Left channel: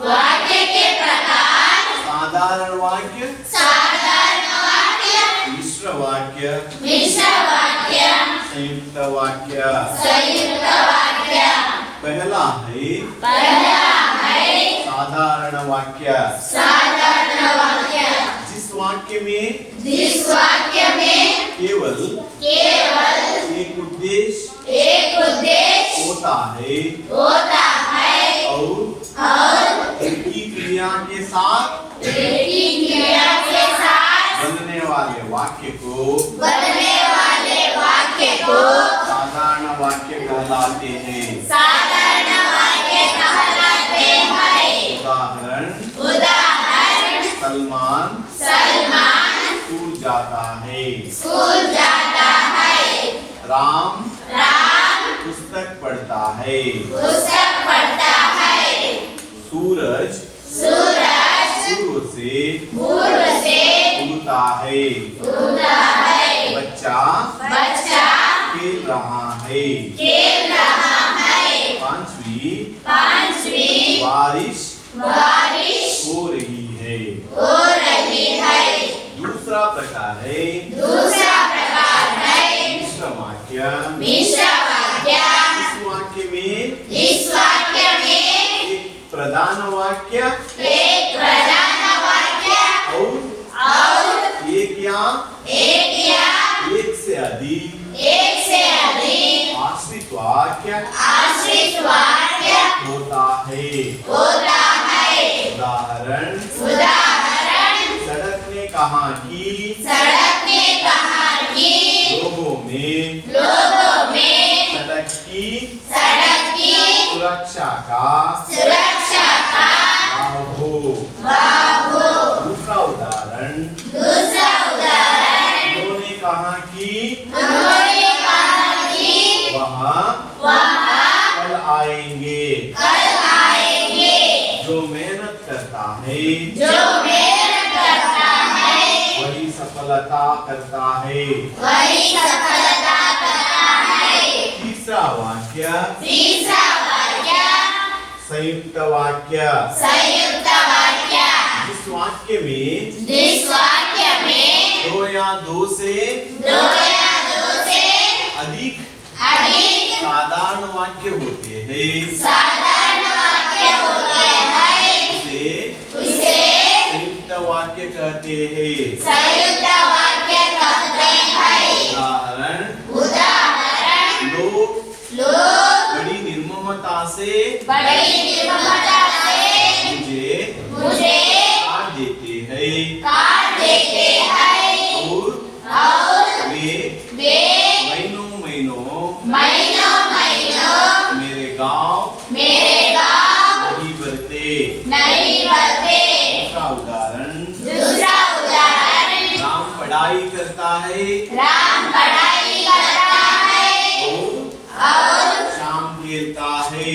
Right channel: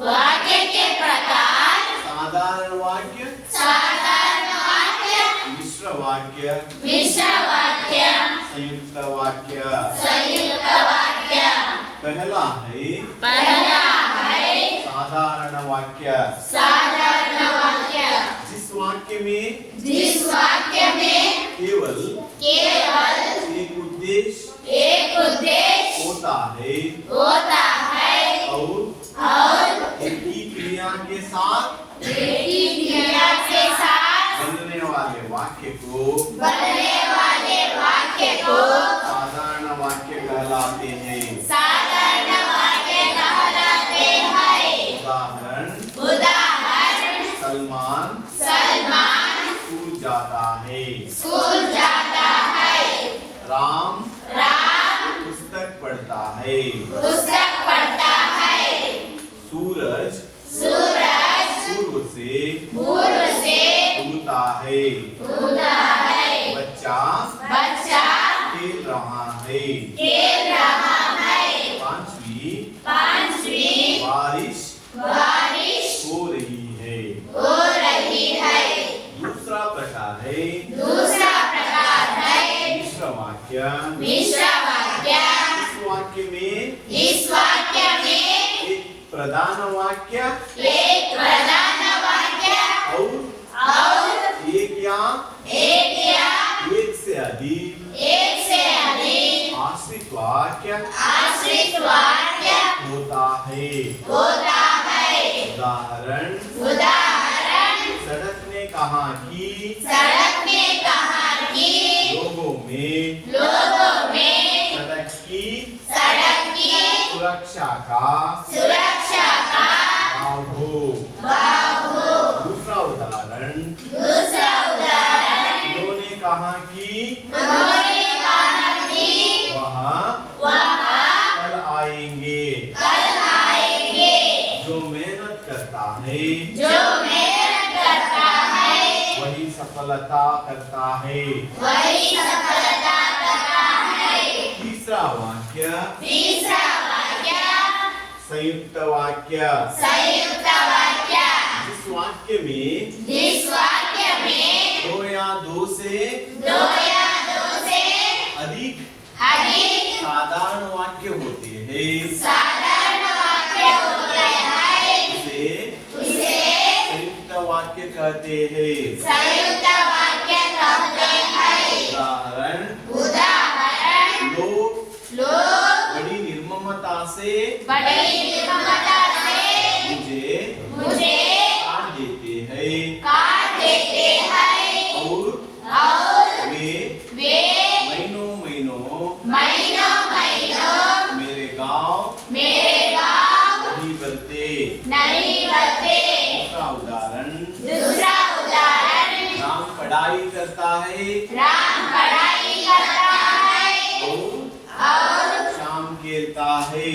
वाक्य के प्रकार साधारण वाक्य, मिश्र वाक्य, संयुक्त वाक्य। पहला है साधारण वाक्य। जिस वाक्य में केवल एक उद्देश्य होता है और एक ही क्रिया के साथ बनने वाले वाक्य को साधारण वाक्य कहलाते हैं। उदाहरण, सलमान स्कूल जाता है। राम पुस्तक पढ़ता है। सूरज पूर्व से उगता है। बच्चा खेल रहा है। पांचवी बारिश हो रही है। दूसरा प्रकार है मिश्र वाक्य। इस वाक्य में एक प्रधान वाक्य और एक या एक से अधिक आश्रित वाक्य होता है। उदाहरण, सड़क ने कहा कि लोगों में सड़क की सुरक्षा का भाव हो। दूसरा उदाहरण, उन्होंने कहा कि वह कल आएंगे। जो मेहनत करता है वही सफलता करता है। तीसरा वाक्य संयुक्त वाक्य। जिस वाक्य में दो या दो से अधिक साधारण वाक्य होते हैं उसे संयुक्त वाक्य कहते हैं। उदाहरण, लोग बड़ी निर्ममता से मुझे काट देते हैं और वे महीनों मेरे गांव नहीं बढ़ते। दूसरा उदाहरण, राम पढ़ाई करता है और शाम खेलता है।